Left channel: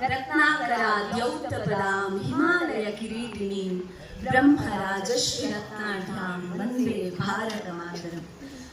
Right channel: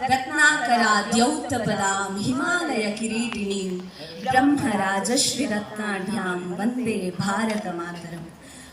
ರತ್ನಾಕರಾದ್ಯೌತಪದಾಂ ಹಿಮಾಲಯ ಕಿರೀಟಿಣಿ. ಬ್ರಹ್ಮರಾಜಶ್ರೀ ರತ್ನಾಢ್ಯಾಂ ವಂದೇ ಭಾರತ ಮಾತರಂ.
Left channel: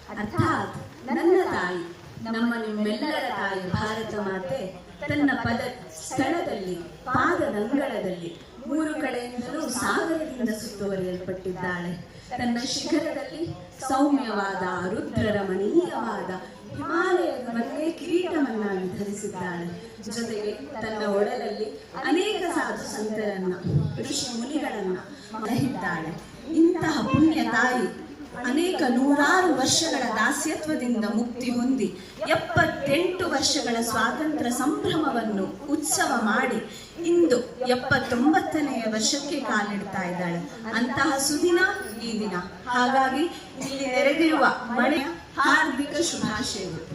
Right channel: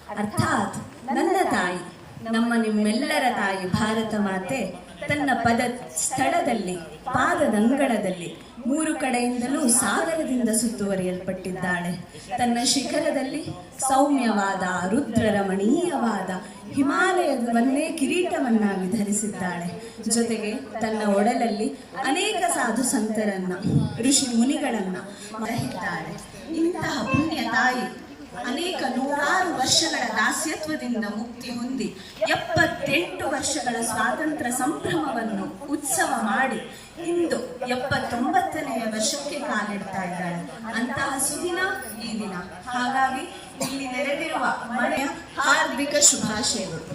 ಅರ್ಥಾತ್ ನನ್ನ ತಾಯಿ, ನಮ್ಮ ನಿಮ್ಮೆಲ್ಲರ ತಾಯಿ ಭಾರತ ಮಾತೆ, ತನ್ನ ಪದ ಸ್ಥಳದಲ್ಲಿ, ಪಾದದಂಗಳದಲ್ಲಿ ಮೂರು ಕಡೆಯಿಂದಲೂ ಸಾಗರದಿಂದ ಸುತ್ತುವರಿಯಲ್ಪಟ್ಟಿದ್ದಾಳೆ. ತನ್ನ ಶಿಖರದಲ್ಲಿ ಸೌಮ್ಯವಾದ ರುದ್ರರಮಣೀಯವಾದ ಹಿಮಾಲಯದವನ್ನೇ ಕಿರೀಟವನ್ನಾಗಿ ಧರಿಸಿದ್ದಾಳೆ. ಜೊತೆಗೆ ತನ್ನ ಒಡಲಲ್ಲಿ ಅನೇಕ ಸಾಧು ಸಂತರನ್ನ, ಋಷಿ ಮುನಿಗಳನ್ನ ದಹಿದ್ದಾಳೆ. ಇಂತಹ ಪುಣ್ಯ ತಾಯಿ ಅನೇಕ ನೂರಾರು ವರ್ಷಗಳ ದಾಸ್ಯತ್ವದಿಂದ ಮುಕ್ತಿ ಹೊಂದಿ ಎಪ್ಪತ್ತೆಂಟು ವರ್ಷಗಳ ಸ್ವಾತಂತ್ರ್ಯ ಸಂಭ್ರಮವನ್ನು ಉತ್ಸವ ಮಾಡಿ ಇಂದು ಎಪ್ಪತ್ತೊಂಬತ್ತನೆಯ ವರ್ಷಕ್ಕೆ ಕಾಲಿಡ್ತಾ ಇದ್ದಾಳೆ. ಅಂತಹ ಸುದಿನ ಈ ದಿನ. ಹಾಗಾಗಿ ಇಲ್ಲಿ ನೆರೆದಿರುವ ಮನೆಯ ಹಾರ್ದಿಕ ಶುಭಾಶಯಗಳು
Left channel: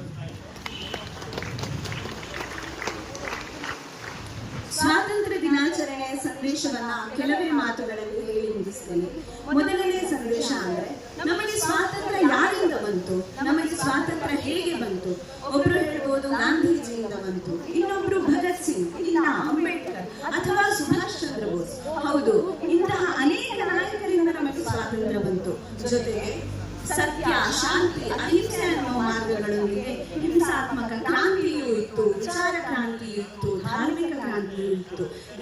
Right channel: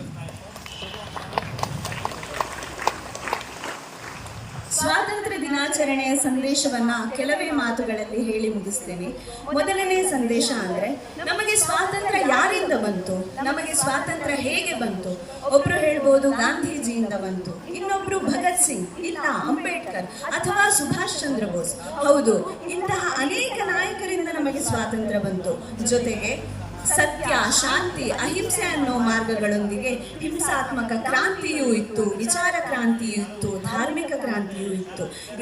ಸ್ವಾತಂತ್ರ್ಯ ದಿನಾಚರಣೆಯ ಸಂದೇಶವನ್ನ ಕೆಲವೇ ಮಾತುಗಳಲ್ಲಿ ಹೇಳಿ ಮುಗಿಸ್ತೇನೆ. ಮೊದಲನೇ ಸಂದೇಶ ಅಂದ್ರೆ, ನಮಗೆ ಸ್ವಾತಂತ್ರ್ಯ ಯಾರಿಂದ ಬಂತು? ನಮಗೆ ಸ್ವಾತಂತ್ರ್ಯ ಹೇಗೆ ಬಂತು? ಒಬ್ರು ಹೇಳ್ಬೋದು, ಗಾಂಧೀಜಿಯಿಂದ ಬಂತು. ಇನ್ನೊಬ್ರು ಭಗತ್ ಸಿಂಗ್, ಇಲ್ಲ, ಅಂಬೇಡ್ಕರ್ ಅಥವಾ ಸುಭಾಷ್ ಚಂದ್ರ ಬೋಸ್. ಹೌದು, ಇಂತಹ ಅನೇಕ ನಾಯಕರಿಂದ ನಮಗೆ ಸ್ವಾತಂತ್ರ್ಯ ಬಂತು. ಜೊತೆಗೆ ಸತ್ಯ, ಶಾಂತಿ, ಅಹಿಂಸೆ ಅನ್ನುವ ಮಾರ್ಗಗಳೊಂದಿಗೆ ಹಿಂಸಾತ್ಮಕ ಕ್ರಾಂತಿಯೂ ಇತ್ತು, ವಿಚಾರ ಕ್ರಾಂತಿಯೂ ಇತ್ತು.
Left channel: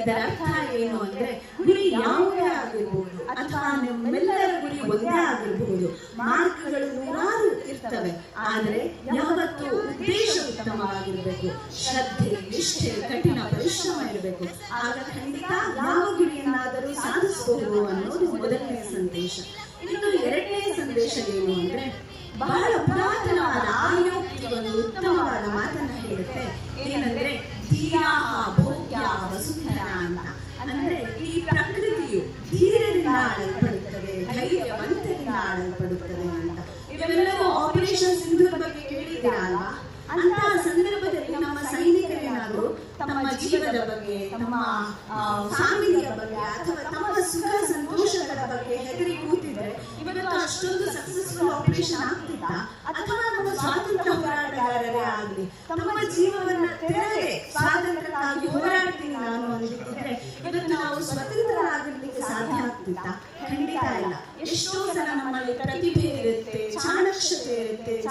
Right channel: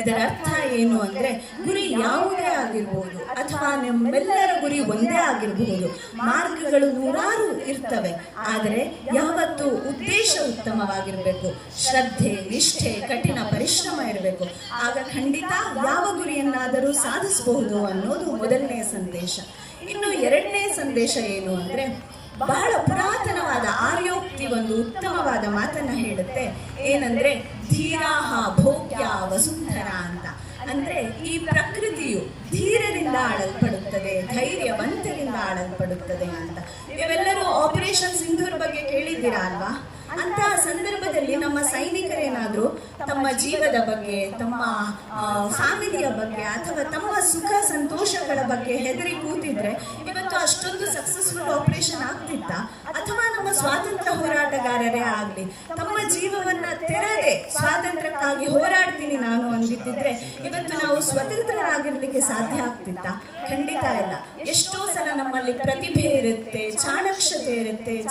ಇದರ ಅರ್ಥ ಏನು ಅಂದ್ರೆ ಗುರಿ ಯಾವುದೇ ಆಗಿರ್ಬೋದು ಅಥವಾ ನಿಮ್ಮೆಲ್ಲರ ಗುರಿ ಒಂದೇ ಆಗಿರಬಹುದು ಮಾರ್ಗಗಳು ನೂರಾರು ಇರ್ತವೆ. ಆದರೆ ಯಾವತ್ತು ಉದ್ದೇಶ ಉತ್ತಮವಾಗಿರಬೇಕು. ಶ್ರದ್ಧೆ, ನಿಷ್ಠೆ, ಕಠಿಣ ಪರಿಶ್ರಮ ಇರಬೇಕು. ಆಗ ಖಂಡಿತ ಯಾವ ಗುರಿಯನ್ನಾದರೂ ಸಾಧಿಸಬಹುದು ಅನ್ನೋದು ಮೊದಲನೇ ಸಂದೇಶ. ಇನ್ನು ಎರಡನೇ ಸಂದೇಶ ಏನು ಅಂದ್ರೆ ಬಹಳ ಪುರಾತನವಾದ ಆಯೋಕ್ತಿ ಒಂದು ಉತ್ತಮವಾದ ಮಾತನ್ನ ಹೇಳುತ್ತೆ. ಏನಂದ್ರೆ ಧೀರಾ ಭೋಗ್ಯ ವಸುಂಧರ. ಅಂದ್ರೆ ಈ ಪ್ರಕೃತಿಯು ಧೀರದಿಂದ ಆಳಲ್ಪಡುತ್ತದೆ ಧೈರ್ಯವಂತರಿಂದ ಆಳಲ್ಪಡುತ್ತದೆ ಅಂತ. ನೀವೆಲ್ಲರೂ ಆಪರೇಷನ್ ಸಿಂಧೂರ್ ಬಗ್ಗೆ ಕೇಳಿದ್ದೀರಾ ಅಲ್ವಾ? ಅಂತಹ ಸಂದರ್ಭದಲ್ಲಿ ನಮ್ಮ ಸೈನಿಕರೇನಾದ್ರು ತಮ್ಮ ಜೀವದ ಬಗ್ಗೆ ತಮ್ಮ ಫ್ಯಾಮಿಲಿಯ ಬಗ್ಗೆ ಅಥವಾ ತಮ್ಮ ಸುಖ ಸಂತೋಷಗಳ ಬಗ್ಗೆ ಹೆದರಿ ಕೂತಿದ್ರೆ ಇವತ್ತು ಅಷ್ಟೊಂದು ಸಕ್ಸಸ್ಫುಲ್ ಆಪರೇಷನ್ ಆಗ್ತಿಲ್ಲ ಅಥವಾ ನಮ್ಮ ಸ್ವಾತಂತ್ರ್ಯ ಹೋರಾಟಗಾರರೇ ಆಗಲಿ ತಮ್ಮ ಜೀವವನ್ನ ತೆರೆದೇ ಸ್ವಾತಂತ್ರ್ಯಕ್ಕಾಗಿ ಹೋರಾಡ್ತೀನಿ ನಾನು ಅಂದಿದ್ದಿದ್ರೆ ಇವತ್ತು ನಾವು ಸ್ವತಂತ್ರರಾಗಿರ್ಲಿಕ್ಕೆ ಸಾಧ್ಯ ಆಗ್ತಿಲ್ಲ ಖಂಡಿತ ಇಲ್ಲ. ಎಷ್ಟೋ ಸಲ ನಮ್ಮಲ್ಲಿ ಪ್ರತಿಭೆ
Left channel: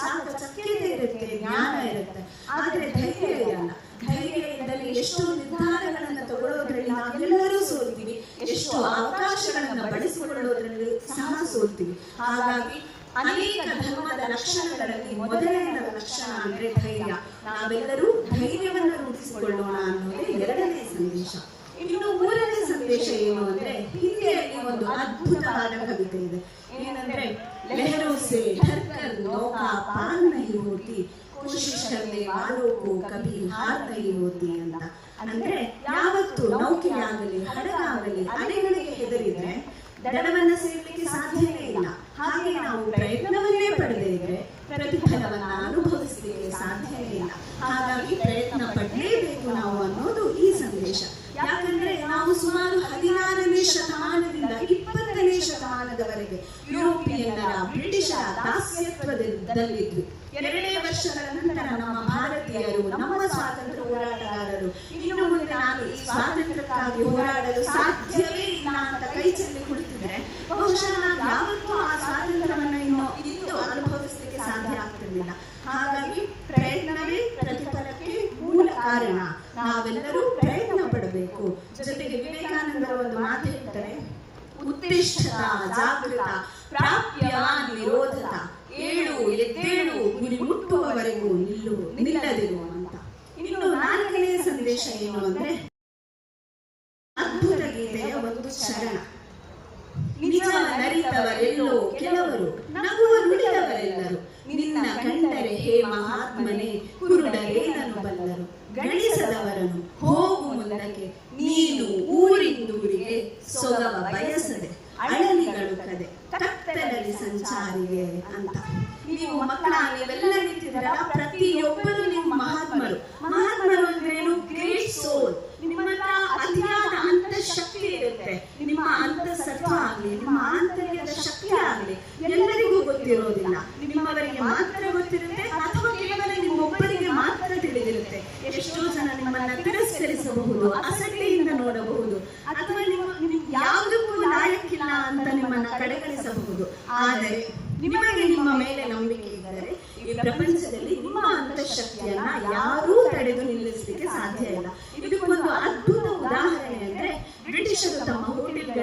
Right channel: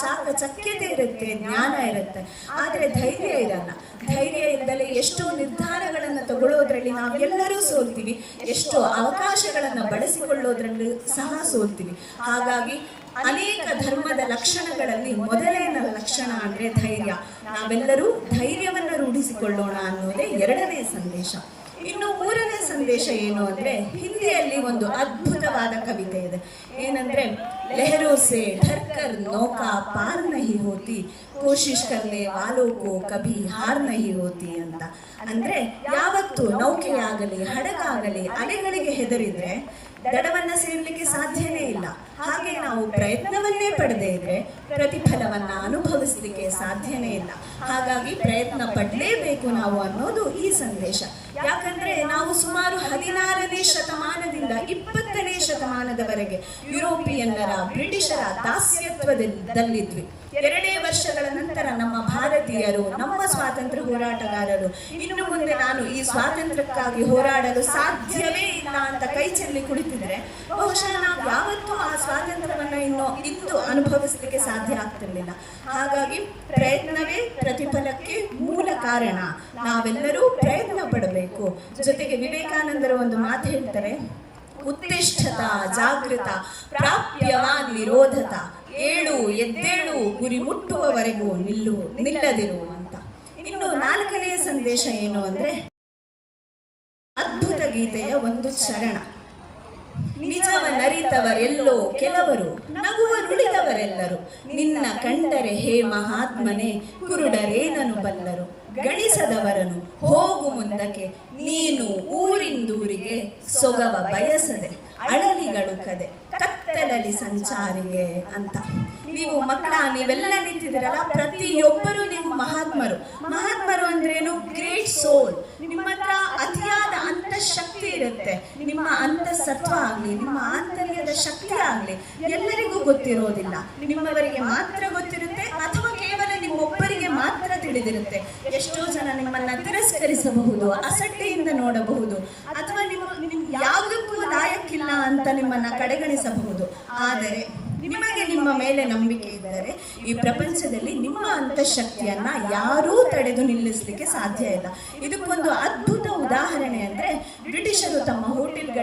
ಇರುತ್ತೆ ಚಾಕಚಕ್ಯತೆ ಇರುತ್ತೆ ಜ್ಞಾನ ಇರುತ್ತೆ. ಆದ್ರೆ ಧೈರ್ಯ ಇರಲ್ಲ. ಧೈರ್ಯ ಇದ್ದಲ್ಲಿ ಎಷ್ಟೋ ನಿರ್ಧಾರಗಳನ್ನು ತಗೊಳ್ಳೋದ್ರಲ್ಲಿ ನಾವೆಲ್ಲರೂ ಸೋಲ್ತೀವಿ. ಎಷ್ಟೋ ಅವಕಾಶಗಳನ್ನ ಬಳಸಿಕೊಳ್ಳೋದ್ರಲ್ಲಿ ಸಹ ಸೋಲ್ತೀವಿ. ಹಾಗಾಗಿ ಅನೇಕ ಧರ್ಮದ ಲಕ್ಷಣಗಳಲ್ಲಿ ಮೊದಲನೆಯ ಲಕ್ಷಣ ಅಂದ್ರೆ ಧೈರ್ಯ. ನಾವೆಲ್ಲರೂ ಧೈರ್ಯವನ್ನು ರೂಢಿಸಿಕೊಳ್ಳೋಣ ಅನ್ನೋದೇ ಎರಡನೇ ಸಂದೇಶ. ಇನ್ನು ಮೂರನೇ ಸಂದೇಶ ಏನು ಅಂದ್ರೆ ಹಿಂದಿಯಲ್ಲಿ ಒಂದು ಅದ್ಭುತವಾದ ಕವಿತೆ ಇದೆ. ಏನಂದ್ರೆ ಲೆಹರೋ ಸೆ ಢರ್ಕರ್ ನೌಕಾ ಪಾರ್ ನಹಿ ಹೋತಿ ಕೋಶಿಶ್ ಕರ್ನೆ ವಾಲೋ ಕೋ ಕಭಿ ಹಾರ್ ನಹಿ ಹೋತಿ ಅಂತ ಅಂದ್ರೆ ಯಾವತ್ತು ನೌಕೆಯಾಗಲಿ ಹಡಗಾಗಲಿ ಅಲೆಗಳಿಗೆ ಹೆದರಿದ್ರೆ ದಡವನ್ನ ಸೇರ್ಲಿಕ್ಕೆ ಸಾಧ್ಯನೇ ಇಲ್ಲ ಹಾಗೆ ನಾವು ಪ್ರಯತ್ನವನ್ನೇ ಪಡೆದೇ ಇದ್ರೆ ಪ್ರತಿಫಲವನ್ನ ಅನುಭವಿಸಲಿಕ್ಕೆ ಸಾಧ್ಯನೇ ಇಲ್ಲ ಹಾಗಾಗಿ ಪ್ರಯತ್ನ ಪಡಲೇಬೇಕು ನಾವು ಅನ್ನೋದು ಈ ಸಂದೇಶ ಯಾಕಂದ್ರೆ ನಾವು ಸುಮಾರು ಹದಿನಾರನೇ ಶತಮಾನದಿಂದ ಇಪ್ಪತ್ತನೇ ಶತಮಾನದವರೆಗೆ ಯುರೋಪಿಯನ್ನರ ಬ್ರಿಟಿಷರ ದಾಸ್ಯತ್ವದಲ್ಲಿದ್ವಿ. ಎರಡೇ ವರ್ಷಗಳ ನಂತರ ನಮ್ಮ ಭಾರತೀಯರು, ನಮ್ಮ ಸ್ವಾತಂತ್ರ್ಯ ಹೋರಾಟಗಾರರು, ಇನ್ನು ಮುಂದೆ ನಾನು ಈ ಸ್ವಾತಂತ್ರ್ಯಕ್ಕಾಗಿ ಹೋರಾಡಲು ಸಾಧ್ಯವೇ ಇಲ್ಲ ಅಂತ ಕೈ ಚೆಲ್ಲಿ ಕುಳಿತಿದ್ರೆ, ಬಹುಶಃ ಯಾವತ್ತೂ ಆ ಸ್ವಾತಂತ್ರ್ಯವನ್ನು ಇನ್ನು ಇತ್ತು ಅನುಭವಿಸಲಿಕ್ಕೆ ಸಾಧ್ಯ ಆಗ್ತಿರ್ಲಿಲ್ಲ. ಹಾಗಾಗಿ ಪ್ರಯತ್ನವೇ ಪ್ರತಿಫಲಕ್ಕೆ ಮೂಲ ಕಾರಣ. ನಾವೆಲ್ಲರೂ ಪ್ರಯತ್ನ ಪಡಬೇಕು. ಜೊತೆಗೆ ವಿವೇಕಾನಂದರ ಒಂದು ಮಾತು ಹೇಳ್ತಾರೆ ಉತ್ತಿಷ್ಠತ ಜಾಗೃತ, ಪ್ರಾಪ್ಯವಾನ್ ನಿರೋಧತ ಏಳು, ಎದ್ದೇಳು, ಗುರಿ ಮುಟ್ಟುವವರೆಗೂ ನಿಲ್ಲು, ನಿಲ್ಲದಿರು ಅಂತ. ಇನ್ನು ನಾಲ್ಕನೇ ಸಂದೇಶ ಏನು ಅಂದ್ರೆ ಅದ್ಭುತ ಗೀತೆಯ ಒಂದು ಚರಣ. ನಿಜವನ್ನರಿತವರೆಲ್ಲೋ ಕೆಲವರು ನಗುವ ನುಡಿದವರೆಲ್ಲರು. ನಿನ್ನ ಕಂಡರೆ ಹೇ ಮಹಾತ್ಮನೆ ಕುರುಡರೇನನು ಬಲ್ಲರು ಗಳಿಸದವರನು ಹೋಗು ಮುಂದಕ್ಕೆ. ನೀನು ಊರಿಂದೂರಿಗೆ ಸೊಗವ ಬಯಸದೆ ಅಳಲಿಗಳು ಕದೆ ಕತ್ತಲಲ್ಲಿ ಸಂಚಾರಿಗೆ ಅಂತ. ನೀವು ಮಕ್ಕಳ ನೀವೆಲ್ಲ ನಿಂತಿದ್ದೀರಲ್ಲ ಪ್ರತಿಯೊಬ್ಬರು ನೀವು ಮಹಾತ್ಮರು. ಮಹಾತ್ಮರು. ಅಂದ್ರೇನು ಗ್ರೇಟ್ ಸೋಲ್. ನಿಮ್ಮ ಹತ್ರ ಅತಿಯಾದ ಅಂತಃಶಕ್ತಿ ಇರುತ್ತೆ ನಿಮ್ಮ ಅಂತಃಸತ್ವ ಆಗ್ಲಿ, ನಿಮ್ಮ ಆಂತರ್ಯದ ಶಕ್ತಿ ಆಗ್ಲಿ, ಎಲ್ಲರಿಗೂ ಗೊತ್ತಿರೋದಿಲ್ಲ. ನಿಮ್ಮವರಿಗೆ ಮಾತ್ರ ಗೊತ್ತಿರುತ್ತೆ ಅಥವಾ ಕೇವಲ ನಿಮ್ಮೊಬ್ಬರಿಗೆ ಮಾತ್ರ ತಿಳಿದಿರುತ್ತೆ. ಎಷ್ಟೋ ಜನ ನಿಮ್ಮನ್ನ ತಿರಸ್ಕರಿಸಬಹುದು, ಅಸಡ್ಡೆಯಿಂದ ನೋಡಬಹುದು, ಅಥವಾ ನಿಮ್ಮ ನಿಮ್ ಯಾವುದಕ್ಕೂ ಲಾಯಕ್ಕಿಲ್ಲ ಅಂತ ನಿಮ್ಮನ್ನ ಕಡೆಗಣಿಸಬಹುದು. ಆದರೆ ನಿಮಗೆ ನಿಮ್ಮ ಮೇಲೆ ನಂಬಿಕೆ ಇದ್ದರೆ ಈ ಪ್ರಪಂಚದಲ್ಲಿ ನಿಮ್ಮ ಅಂತಃಶಕ್ತಿಯನ್ನ ಯಾರೂ ತಡೆದು ನಿಲ್ಲಿಸಲಿಕ್ಕೆ ಸಾಧ್ಯ ಇಲ್ಲ. ಇದಕ್ಕೊಂದು ಅದ್ಭುತ ಉದಾಹರಣೆ ಅಂದ್ರೆ ಬ್ರಿಟಿಷರು ತಮ್ಮ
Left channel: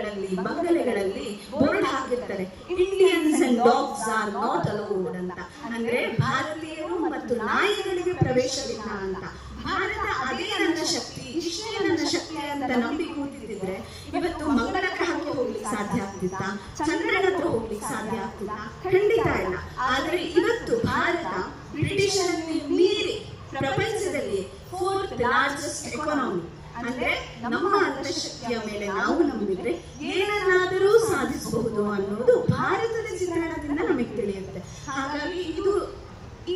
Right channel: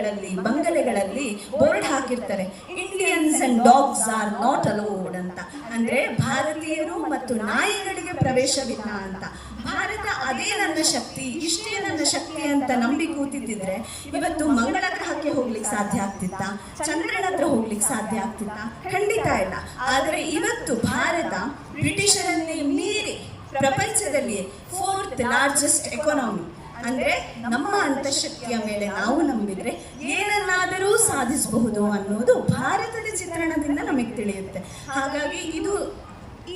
ಹೋಟೆಲ್ಗಳಲ್ಲಿ ಬಂಗಲೆಗಳಲ್ಲಿ ಬೋರ್ಡ್ ಹಾಕಿರ್ತಾರೆ. Indians and dogs are not allowed ಅಂತ. ಅಂದ್ರೆ ಭಾರತೀಯರು ಮತ್ತು ನಾಯಿಗಳಿಗೆ ಪ್ರವೇಶವಿಲ್ಲ ಅಂತ. ಭಾರತ ಅದೇ ನನ್ನ ಶಕ್ತಿ, ಇಷ್ಟೇ ನನ್ನ ಶಕ್ತಿ ಅಂತ ನಂಬಿ ಕೂತಿದ್ದಿದ್ರೆ ಇವತ್ತು ಮಂಗಳ ಗ್ರಹಕ್ಕೆ ಹೋಗ್ಲಿಕ್ಕೆ ಸಾಧ್ಯ ಆಗ್ತಿತ್ತ? ಚಂದ್ರನ ಹತ್ರ ಹೋಗ್ಲಿಕ್ಕೆ ಸಾಧ್ಯ ಆಗ್ತಿತ್ತ? ಖಂಡಿತ ಇಲ್ಲ. ಆದ್ರೆ ಇವತ್ತು ಭಾರತ ಬ್ರಿಟಿಷರಲ್ಲಿ ಮೀರಿ ಪ್ರಪಂಚದಲ್ಲಿ ಫೋರ್ತ್ ಲಾರ್ಜೆಸ್ಟ್ ಎಕಾನಮಿ ಅಂದ್ರೆ ನಮ್ಮ ಅಂತಃಶಕ್ತಿಯ ಮೇಲೆ ನಾವು ನಂಬಿದ್ರೆ ಏನನ್ನಾದರೂ ಸಾಧಿಸಬಹುದು ಅನ್ನೋದು ಭಾರತದ ಚಿತ್ರಣದಿಂದ ನಮಗೆ ತಿಳಿಯುತ್ತೆ. ಹಾಗಾಗಿ ಇದು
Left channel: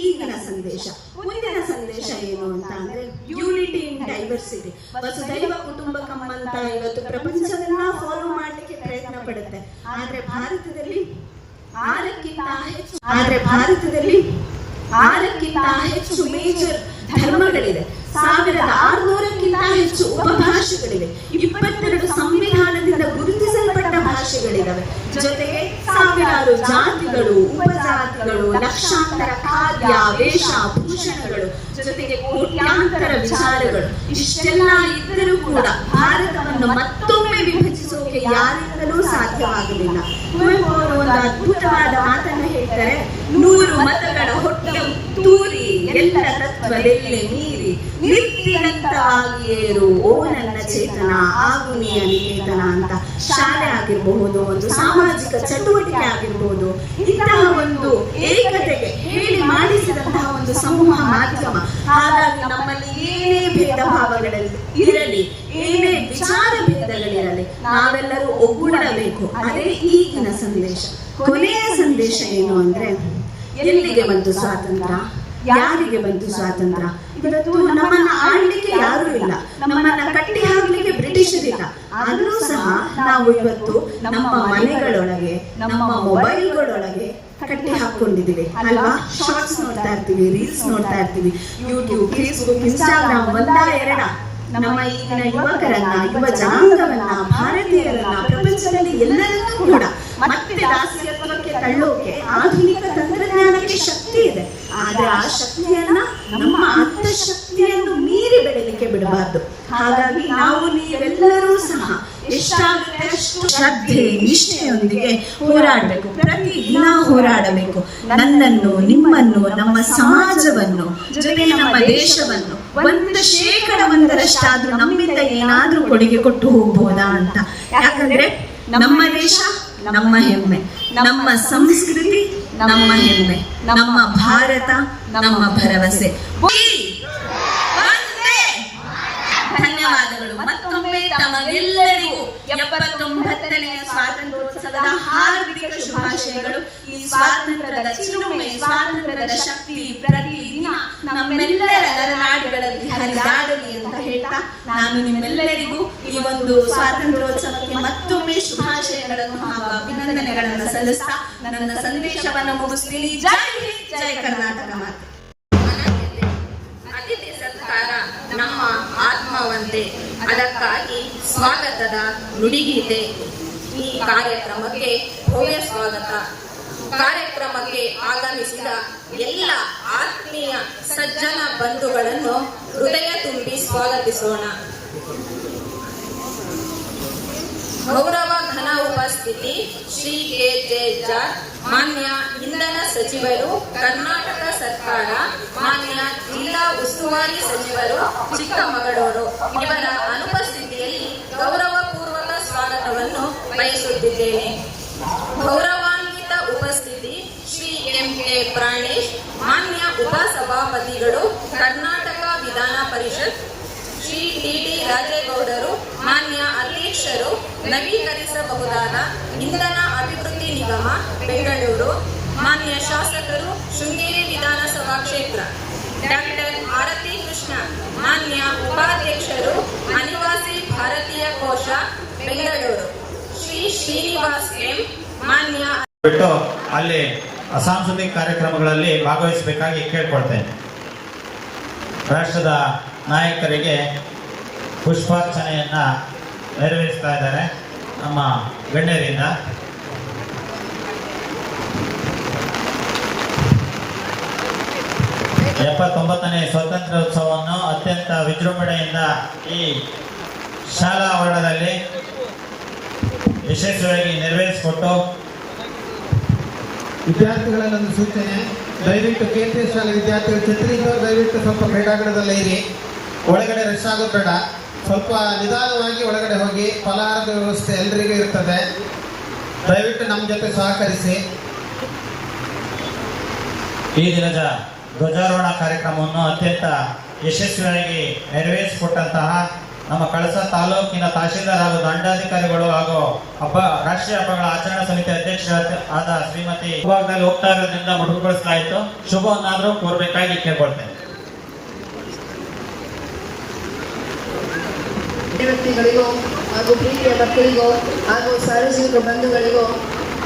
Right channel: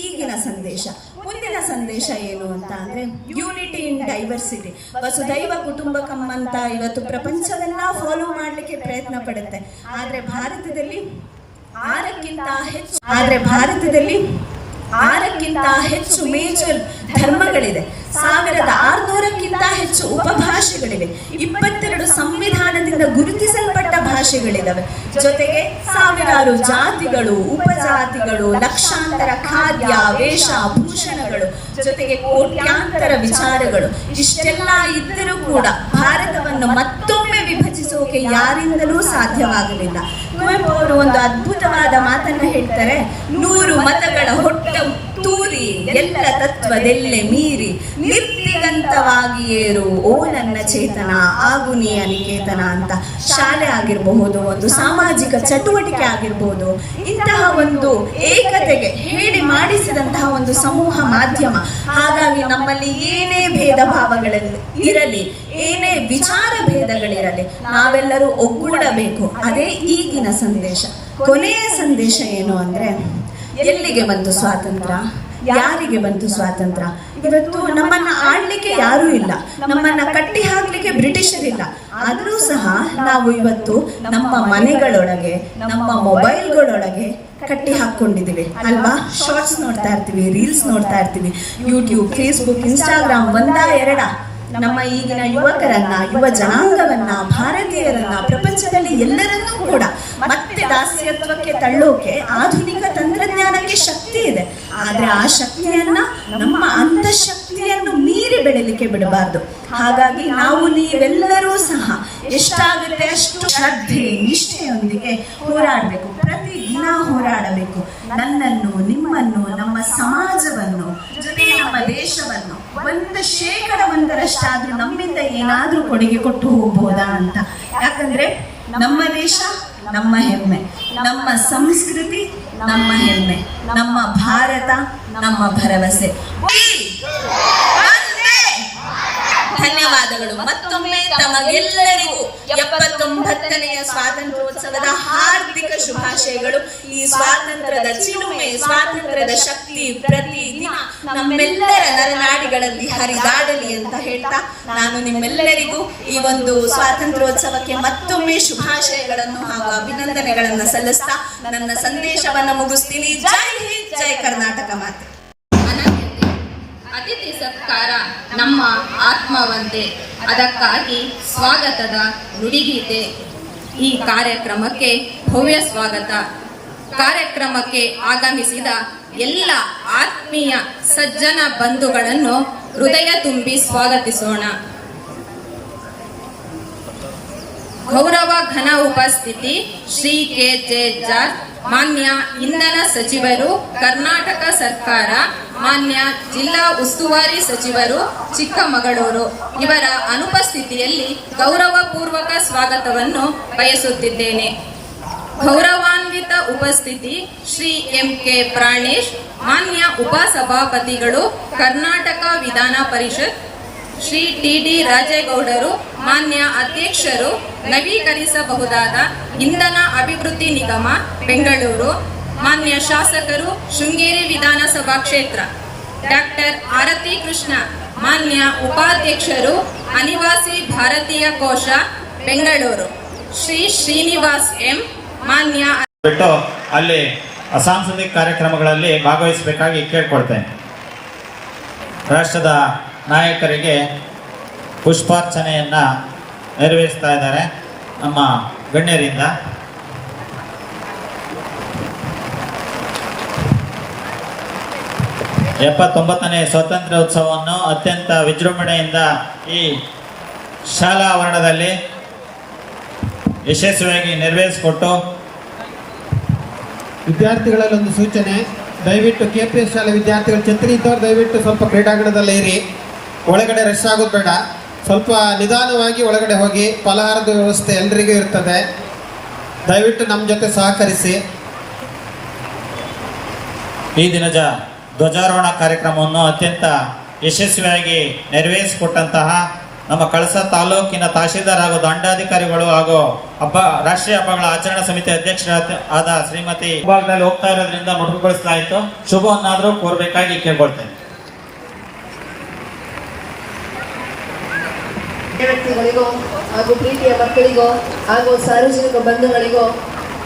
ಈಗಿನ ಸಂದೇಶ. ಮುಂದಿನ ಸಂದೇಶ ಏನು ಅಂತ ಅಂದ್ರೆ ಯೂನಿಟಿ ಇನ್ ಡೈವರ್ಸಿಟಿ ವಸುದೈವ ಕುಟುಂಬಕಂ ಅಂತ ಇವತ್ತು ಪ್ರಪಂಚವೆಲ್ಲ ಫಾಲೋ ಮಾಡಲಿಕ್ಕೆ ಪ್ರಯತ್ನ ಪಡುತ್ತೆ. ಆದ್ರೆ ಭಾರತದಲ್ಲಿ ಆರಕ್ಕಿಂತ ಹೆಚ್ಚು ಆದ್ರೆ ಭಾರತದಲ್ಲಿ ಆರಕ್ಕಿಂತ ಹೆಚ್ಚು ಮೇಜರ್ ಧರ್ಮಗಳಿದೆ. ಸಾವಿರದ ಆರುನೂರಕ್ಕಿಂತ ಹೆಚ್ಚು ಉಪಭಾಷೆಗಳಿವೆ. ಇಪ್ಪತ್ತೆರಡು ಸಂವಿಧಾನದಿಂದ ಗುರುತಿಸಲ್ಪಟ್ಟ ಭಾಷೆಗಳಿದಾವೆ. ಜೊತೆಗೆ ಸಾವಿರಾರು ಜಾತಿಗಳು, ಉಪಜಾತಿಗಳು, ಲಕ್ಷಾಂತರ ಖಾದ್ಯ, ವೇಷ, ಭೂಷಣಗಳು, ಜೊತೆಗೆ ಕೋಟ್ಯಾಂತರ ವಿಚಾರಗಳು. ಇಷ್ಟೆಲ್ಲ ಇದ್ದರೂ ಕೂಡ ಭಾರತವನ್ನು ಮತ್ತೊಮ್ಮೆ ವಿಭಜಿಸೋಕೆ ಯಾರಿಂದಲೂ ಸಾಧ್ಯವಾಗಲಿಲ್ಲ. ಕುವೆಂಪು ಅವರು ಒಂದು ಅದ್ಭುತವಾದ ಮಾತನ್ನು ಹೇಳ್ತಾರೆ, ನೂರು ಮತಗಳ ಹೊಟ್ಟೆ ತೂರಿ, ಎಲ್ಲ ತತ್ವದೆಲ್ಲೆ ಮೀರಿ ನಿರ್ತಿಗಂತವಾಗಿ ಏರು. ಓ, ನನ್ನ ಚೇತನ, ಆಗು ನೀ ನಿಕೇತನ ಅಂತ ಶಾಲೆ ಆಗಿರಬಹುದು, ಒಂದು ಸಾಮಾಜಿಕ ಚಟುವಟಿಕೆ ಆಗಿರಬಹುದು, ಇಂತಹ ಒಂದು ಏಕತೆಗೆ ಹೇಳಿ ಮಾಡಿಸಿದಂತಹ ಒಂದು ಸಮೂಹ ಮಾಧ್ಯಮ. ಹಾಗಾಗಿ ನಮ್ಮಲ್ಲಿ ಏನೇ ಭೇದ ಇರಲಿ, ಏನೇ ವಿಚಾರ ಭೇದಗಳಿರಲಿ, ನಾವೆಲ್ಲರೂ ಒಗ್ಗೂಡಬೇಕು. ಅದೇ ಈಗಿನ ಸಂದೇಶ. ಕೊನೆಯ ಸಂದೇಶ ಏನು ಅಂದ್ರೆ, ಎಲ್ಲಿಗೆ ಬಂತು ಸ್ವಾತಂತ್ರ್ಯ? ಯಾರಿಗೆ ಬಂತು ಸ್ವಾತಂತ್ರ್ಯ? ಇವತ್ತು ನಮ್ಮನ್ನ ಆಡ್ಲಿಕ್ಕೆ ಯಾರು ಇಲ್ಲ. ನಮ್ಮನ್ನ ಕಟ್ಟಿ ಹಾಕ್ಲಿಕ್ಕೆ ಬ್ರಿಟಿಷರಿಲ್ಲ ಆದರೂ ಸಹ ನಾವು ಇವತ್ತು ನಮ್ಮ ಮನೆಗಳೊಳಗೆ, ನಮ್ಮ ಮೊಬೈಲ್ಗಳೊಳಗೆ ಕಟ್ಟಿ ಹಾಕೊಂಡಿದ್ದೀವಿ ಅಲ್ವಾ? ಶಾರ್ಟ್ಸ್ ನೋಡ್ತಾ ಇರ್ತೀವಿ ರೀಲ್ಸ್ ನೋಡ್ತಾ ಇರ್ತೀವಿ. ಯೂಟ್ಯೂಬ್ ಫೇಸ್ಬುಕ್ ಇನ್ಸ್ಟಾಗ್ರಾಮ್ ಒಂದ ಎರಡ. ನಮ್ಮ ಈಗಿನ ಯುವಕರನ್ನ, ಯುವ ಜನಾಂಗವನ್ನ, ಭಾರತೀಯರನ್ನ, ಪ್ರಪಂಚದಲ್ಲಿ ಎಲ್ಲರನ್ನೂ ಕೂಡ ಮತ್ತೆ ದಾಸ್ಯತ್ವಕ್ಕೆ ತಳ್ಳೋಕೆ ಆಧುನಿಕ ತಂತ್ರಜ್ಞಾನಕ್ಕೆ ಶಕ್ತಿ ಇದೆ. ಆದ್ರೆ ಆ ಶಕ್ತಿಯನ್ನ ನಮ್ಮ ಅಂತಃಶಕ್ತಿಯನ್ನು ಮೀರಿ ಬೆಳಿಲಿಕ್ಕೆ ಬಿಡಬಾರ್ದು. ಹಾಗಾಗಿ ನಾವು ನೀವೆಲ್ಲರೂ ಸಹ ಎಷ್ಟಾಗುತ್ತೆ ಅಷ್ಟು ಶ್ರದ್ಧೆ, ನಿಷ್ಠೆಯೊಂದಿಗೆ ಹೋರಾಡಬೇಕು. ಪ್ರತಿ ದಿನ ಹೋರಾಡಬೇಕು. ನನ್ನನ್ನು, ನಿಮ್ಮನ್ನು, ನಮ್ಮ ಸಮಾಜವನ್ನು, ಜೊತೆ ನಮ್ಮ ದೇಶವನ್ನು ಒಂದು ಶೇಕಡ ಒಂದರಷ್ಟಾದ್ರೂ ನಮ್ಮಿಂದ ಏನಾದ್ರೂ ಕೊಡುಗೆ ಕೊಟ್ಟು ಹೋಗ್ಬೋದಾ ಅಂತ. ಯಾಕಂದ್ರೆ ನಮ್ಮ ದೇಶ, ನಮ್ಮ ಹೆಮ್ಮೆ. ನಮ್ಮ ಸಂಸ್ಕೃತಿ ನಮ್ಮ ಹೆಮ್ಮೆ ನಮ್ಮ ಭಾರತ ನಮ್ಮ ಭರವಸೆ. ಧನ್ಯವಾದಗಳು. ಮತ್ತೊಮ್ಮೆ ತಮಗೆಲ್ಲರಿಗೂ ಎಪ್ಪತ್ತೊಂಬತ್ತನೆಯ ಸ್ವಾತಂತ್ರ್ಯೋತ್ಸವದ ಹಾರ್ದಿಕ ಶುಭಾಶಯಗಳು. ಈ ಸ್ವಾತಂತ್ರ್ಯದ ಚಿಲುಮೆ, ಸ್ವಾತಂತ್ರ್ಯದ ಶಕ್ತಿ ಪ್ರತಿದಿನ ನಮ್ಮೆಲ್ಲರ ನರನಾಡಿಗಳಲ್ಲಿ ಹರಿದಾಡಲಿ ಅಂತ ಹೇಳ್ತಾ ನಾನು ನಿಮ್ಮೆಲ್ಲರಿಗೂ ಈ ಒಂದು ಸ್ವಾತಂತ್ರ್ಯೋತ್ಸವಕ್ಕೆ ಮತ್ತೊಮ್ಮೆ ಶುಭಾಶಯಗಳನ್ನು ಹಾಗೂ ಅಭಿನಂದನೆಗಳನ್ನು ಸಲ್ಲಿಸ್ತಾ ನನ್ನ ಸಂದೇಶವನ್ನು ಮುಗಿಸ್ತೀನಿ. ಜೈ ಜೈ ಕರ್ನಾಟಕ ಮಾತೆ. ಆತ್ಮವಂತೆ ಅದಕ್ಕಾಗಿ ಸ್ವಾಗತದ ನುಡಿಗೀತೆ. ಈ ಕಾರ್ಯಕ್ರಮಕ್ಕೆ ಭವ್ಯ ಸ್ವಾಗತ. ಕಾರ್ಯಕ್ರಮಕ್ಕೆ ಆಗಮಿಸಿದ ಎಲ್ಲ ಆತ್ಮೀಯ ಸಜ್ಜನ ಬಂಧುಗಳನ್ನು ಹೃದಯ ತುಂಬಿ ಸ್ವಾಗತಿಸೋಣ. ಗೌರವ ಘನ ಉಪಸ್ಥಿತಿ ಶ್ರೀ ಕೆ ಜೆ ಜಾರ್ಜ್ ಮಾನ್ಯ ಇಂಧನ ಸಚಿವರು, ಕರ್ನಾಟಕ ಸರ್ಕಾರ, ಮಾನ್ಯ ಜಿಲ್ಲಾ ಉಸ್ತುವಾರಿ ಸಚಿವರು, ಚಿಕ್ಕಮಗಳೂರು. ಇವರ ಅನುಪಸ್ಥಿತಿಯಲ್ಲಿ ಗೌರವಪೂರ್ವಕ ಸ್ವಾಗತವನ್ನು ಬಯಸುತ್ತಿದ್ದೇನೆ. ಗೌರವಾನ್ವಿತ ಉಪಸ್ಥಿತಿ, ಶ್ರೀ ಎಂ ಕೆ ಪ್ರಾಣೇಶ್, ಮಾನ್ಯ ಉಪಸಭಾಪತಿಗಳು, ಕರ್ನಾಟಕ ವಿಧಾನ ಪರಿಷತ್ ಶ್ರೀ ಟಿ ಡಿ ರಾಜೇಗೌಡರು ಮಾನ್ಯ ಅಧ್ಯಕ್ಷರು ನವೀಕರಿಸಬಹುದಾದ ಇಂಧನ ಅಭಿವೃದ್ಧಿ ನಿಗಮ, ಬೆಂಗಳೂರು. ಮಾನ್ಯ ಶಾಸಕರು, ಶೃಂಗೇರಿ ವಿಧಾನಸಭಾ ಕ್ಷೇತ್ರ. ಡಾಕ್ಟರ್ ಆರತಿ ಕೃಷ್ಣ, ಮಾನ್ಯ ಉಪಾಧ್ಯಕ್ಷರು, ಅನಿವಾಸಿ ಭಾರತೀಯ ಕೋಶ, ಬೆಂಗಳೂರು. ಶ್ರೀ ಶ್ರೀನಿವಾಸ್ ಎಂ, ಮಾನ್ಯ ಅಲ್ಲಿ ಸಾಂಸ್ಕೃತಿಕ ಕಾರ್ಯಕ್ರಮಗಳಲ್ಲಿ ಭಾಗವಹಿಸಬೇಕಾಗಿ ಕೇಳ್ಕೊಳ್ತೇನೆ. ರಾಷ್ಟ್ರದ ನಾಯಕರಿಗೆ ಪುಷ್ಪಾರ್ಚನೆಯನ್ನು ನೆರವೇರಿಸ್ತಾ ಇದ್ದಾರೆ ನಮ್ಮ ಗಣ್ಯರಿಂದ. ಎಪ್ಪತ್ತೊಂಬತ್ತನೇ ಸ್ವಾತಂತ್ರ್ಯ ಉತ್ಸವವನ್ನು ಅತ್ಯಂತ ವಿಜೃಂಭಣೆಯಿಂದ ಈ ಶಾಲಾ ಆವರಣದಲ್ಲಿ ಯಶಸ್ವಿಯಾಗಿ ನೆರವೇರಿಸಿಕೊಟ್ಟು ವಿದ್ಯಾರ್ಥಿಗಳಲ್ಲಿ ಒಂದು ಸೂಚನೆ, ದಯವಿಟ್ಟು ಕೆ ಪಿ ಎಸ್ ಶಾಲೆ ವಿದ್ಯಾರ್ಥಿಗಳು ಛತ್ರಿ ಇದ್ದವರು ದಯವಿಟ್ಟು ಸ್ವಲ್ಪ ಕ್ರೀಡಾಂಗಣದಲ್ಲೇ ಇರಿ. ಒಳಗಡೆ ರಶ್ ಆಗೋದು ಬೇಡ. ಸ್ವಲ್ಪ ನಿಧಾನವಾಗಿ ಒಳಗಡೆ ಹೋಗಿ ಫಲಹಾರದ ವ್ಯವಸ್ಥೆ ಎಲ್ರಿಗೂ ಇರ್ತದೆ. ದಯವಿಟ್ಟು ನಮ್ಮ ಜೊತೆ ಸಹಕರಿಸಿ. ಈ ದಿನದ ಧ್ವಜಾರೋಹಣ ಕಾರ್ಯಕ್ರಮವನ್ನು ಅತ್ಯಂತ ಯಶಸ್ವಿಯಾಗಿ ನೆರವೇರಿಸಿಕೊಟ್ಟಂತಹ ನಮ್ಮ ಕಳಸ ತಾಲೂಕಿನ ತಹಶೀಲ್ದಾರ್ ಹಾಗೂ ದಂಡಾಧಿಕಾರಿಗಳು ಹಾಗೂ ಹಬ್ಬ, ರಾಷ್ಟ್ರೀಯ ಹಬ್ಬಗಳ ಆಚರಣಾ ಸಮಿತಿ ಅಧ್ಯಕ್ಷರಾದ ಆದ ಶ್ರೀಮತಿ ಭಾಗದಲ್ಲಿ ಹೋಗ್ತಾ ಇರೋದ್ರಿಂದ ಇತ್ತು ಶುಭವನ್ನಾದರೂ ಕೋರಬೇಕಾಗಿ ಕೇಳ್ಕೊಳ್ತೇನೆ. ವ್ಯಕ್ತಿಗಳಿಗೂ ಹಾಗೂ ಪ್ರೀತಿಯ ಮಕ್ಕಳಿಗೂ ಹಾಗೂ ಸಾರ್ವಜನಿಕ ಬಂಧುಗಳಿಗೂ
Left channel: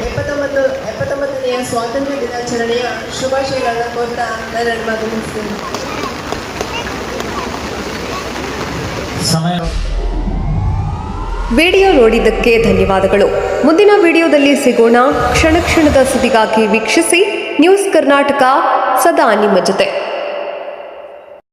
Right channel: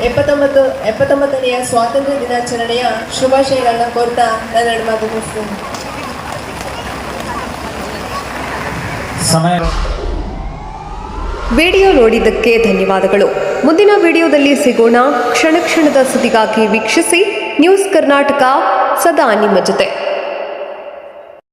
ಎಪ್ಪತ್ತೊಂಬತ್ತು ಎಪ್ಪತ್ತೊಂಬತ್ತನೆಯ ಸ್ವಾತಂತ್ರ್ಯ ದಿನಾಚರಣೆಯ ಶುಭಾಶಯಗಳನ್ನು ಕೋರ್ತಾ ನನ್ನ ಎರಡು ಮಾತು ಮುಗಿಸ್ತೇನೆ. ಸಮಯ. ವಿಡಿಯೋ ನೋಡಿದ್ದಕ್ಕೆ ಧನ್ಯವಾದಗಳು. ಮುಂದಿನ ವಿಡಿಯೋದಲ್ಲಿ ಸಿಗೋಣ. ಕ್ಷಣ ಕ್ಷಣದ ಸುದ್ದಿಗಾಗಿ ವೀಕ್ಷಿಸಿ. ನ್ಯೂಸ್ ಕರ್ನಾಟಕ ಸದಾ ನಿಮ್ಮ ಜೊತೆ.